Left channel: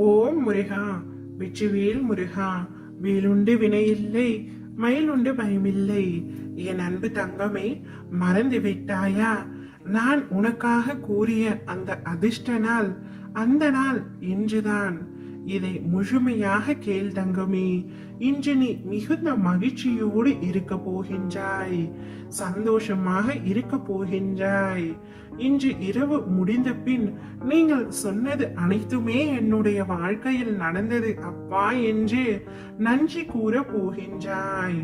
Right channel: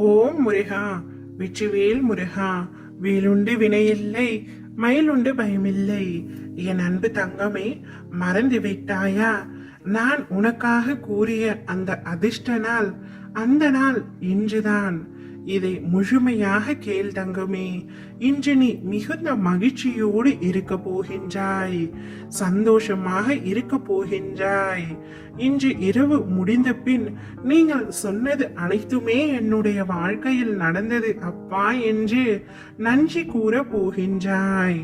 ஓம் முருகா, வெற்றிவேல் முருகா. வேலுண்டு வினையில்லை, மயிலுண்டு பயமில்லை. என் அன்பு தங்கமே, மறந்து விட்டாயா? நான் உனக்காக கூறிய அந்த அதிர்ஷ்ட நாள், அந்த நாள் இன்றுதான். இதை முழுமையாக கேள் தங்கமே. இன்று நீ மிகுந்த மகிழ்ச்சியோடு இருக்க போகின்றாய், சந்தோஷமாக இருக்க போகின்றாய். இன்று இரவு முடிந்த பின் நீங்கள் சொன்னது அனைத்துமே என்னுடைய வாழ்க்கையில் நடந்தது அப்பா என்று நன்றி கூற போகின்றாய்.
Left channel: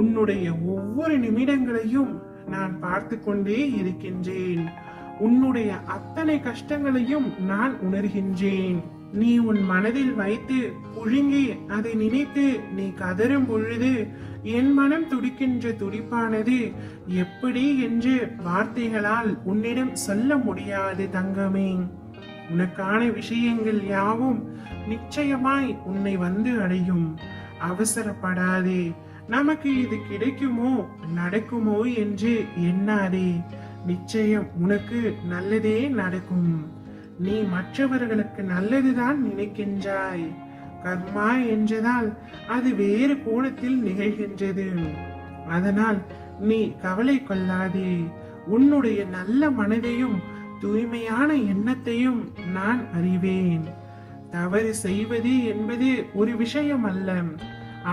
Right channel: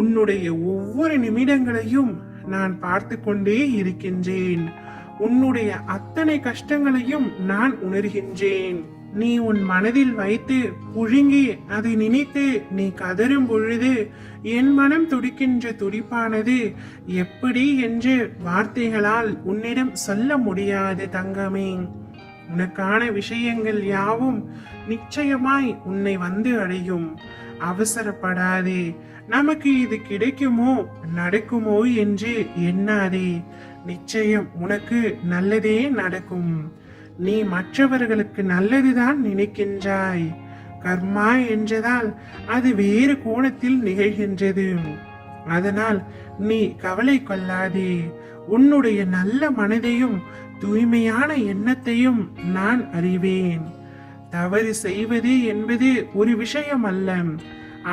உன்னுடைய ஒவ்வொரு நிமிடங்களையும் நான் பார்த்து கொண்டே இருக்கின்றேன். உன்னுடைய அத்தனை கஷ்டங்களையும் நான் உணர்கின்றேன். நீ உன் மனதில் வைத்து புழுங்கி அதை நினைத்து நீ கதறும் பொழுது என் மனம் துடிக்கின்ற துடிப்பானது எப்படி என்று வார்த்தைகளால் உன்னிடம் சொல்ல முடியாது தங்கமே. உனக்கான விஷயங்கள் யாவும் நிச்சயமாய் உன்னை வந்து அடையும். அவசரப்படாதே. நமக்கு இது கிடைக்குமோ நடக்குமோ என்று எண்ணாதே. நிச்சயம் உனக்கு நல்லதே நடக்கும். நீ மற்றவர்களுக்கு நல்லதுதான் நினைக்கின்றாய். கர்மா என்றதால் அது வேறு கோணத்தில் நிகழ்கின்றது. அதனால் நீ கவலை கொள்ளாதே. உன்னுடைய நல்ல மனதையும் தூய்மையான எண்ணத்தையும் நான் அறிவேன். தவறு செய்வது என்பது ஒரு விஷயம் அல்ல.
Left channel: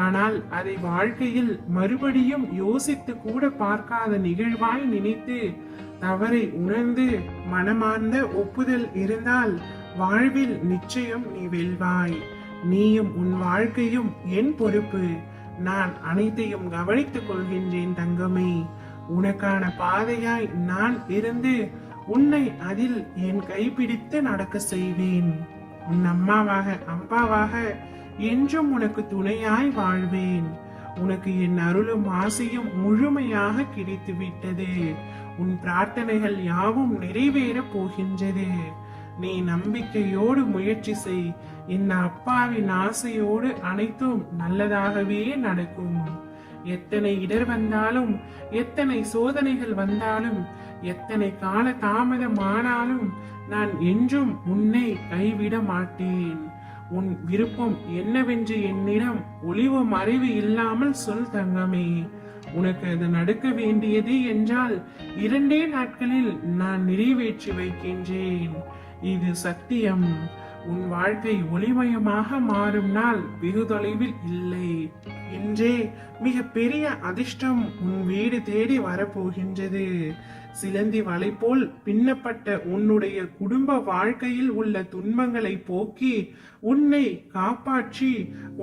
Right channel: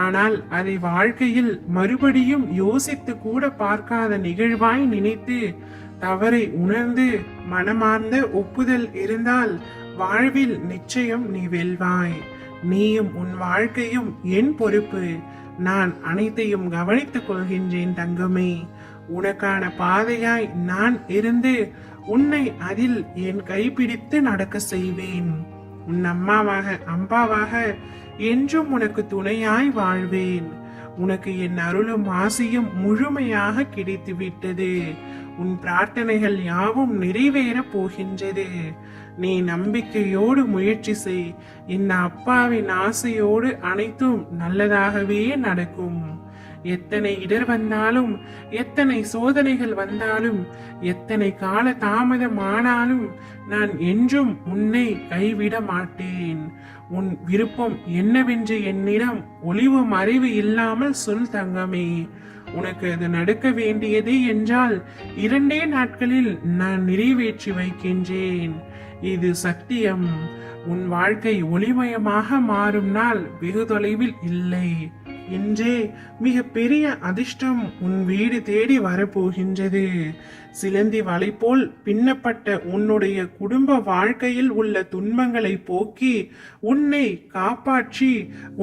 ஆனால் அதை வாழ்க்கையில் மறுபடியும் யோசித்து கூட பார்க்காத நிகழ்வாய் நினைத்து தவறை உணர்ந்து மனமார்ந்த ஒப்புதல் இருந்தால் வாழ்வில் நிச்சயம் நீ வெல்வாய். நீயும் உன் வாழ்க்கையும் என் பொறுப்பு. நான் அனைத்தையும் கவனித்துக் கொள்கின்றேன் தங்கமே. உனக்கான பாதையாய் நான் இருந்து உன்னை அதில் என் கைப்பிடித்து நடக்க செய்வேன். உன் அம்மாவாக அம்பாவாக என்றும் உனக்கு துணையாய் வாழ்வேன். உனக்கு என் அருளும் ஆசையும் முழுமையாக கிடைத்து விட்டது. உன் பிரார்த்தனைகள் யாவும் நிறைவேற போகின்றது. நீ நம்பிக்கையோடு முயற்சி செய். இந்த அப்பாவின் ஆசையோடு அனைத்தும் நல்லதாகவே நடக்கும். எத்தனை இடர் வந்தாலும், எத்தனை சோதனைகள் வந்தாலும், எத்தனை கால தாமதம் ஆனாலும் நான் என்றும் உன்னை கைவிட மாட்டேன். உன் விருப்பம் என்னவென்று என்னிடம் ஒளிவு மறைவு இல்லாமல் சொல் தங்கமே. உனக்கு அது நடக்க வேண்டியது என்றால் 2 நாட்களில் நான் நிறைவேற்றி வைக்கின்றேன். இது சத்தியம். உன் வாழ்க்கை ஒளிமயமாக மாறும் நாள் வெகு தொலைவில் இல்லை. இன்றே மிக பெரிய அதிர்ஷ்டம் உன் வீடு தேடி வரப்போகின்றது. சிலந்தி வலை போல் பின்னப்பட்ட உன்னுடைய குடும்ப வாழ்க்கையில் உள்ள துன்பங்களை போக்கி உன்னை காப்பாற்றி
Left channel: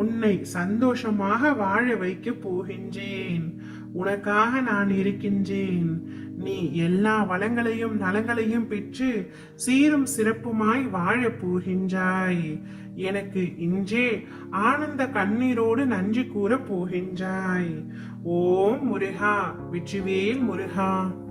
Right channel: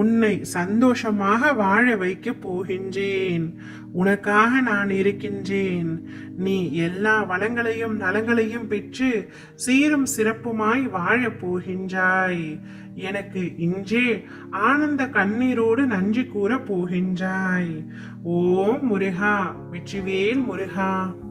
உன்னை சந்தோஷமாக வாழ வைக்க போகின்றேன். உனக்காக நான் இருக்கின்றேன். நீ எல்லா வளங்களையும் நலங்களையும் பெற்று சீரும் சிறப்புமாய் வாழப் போகின்றாய். எனக்கு இன்றே ஆனந்த கண்ணீரோடு நன்றி கூற போகின்றாய். ஓம் முருகா, வெற்றிவேல் முருகா.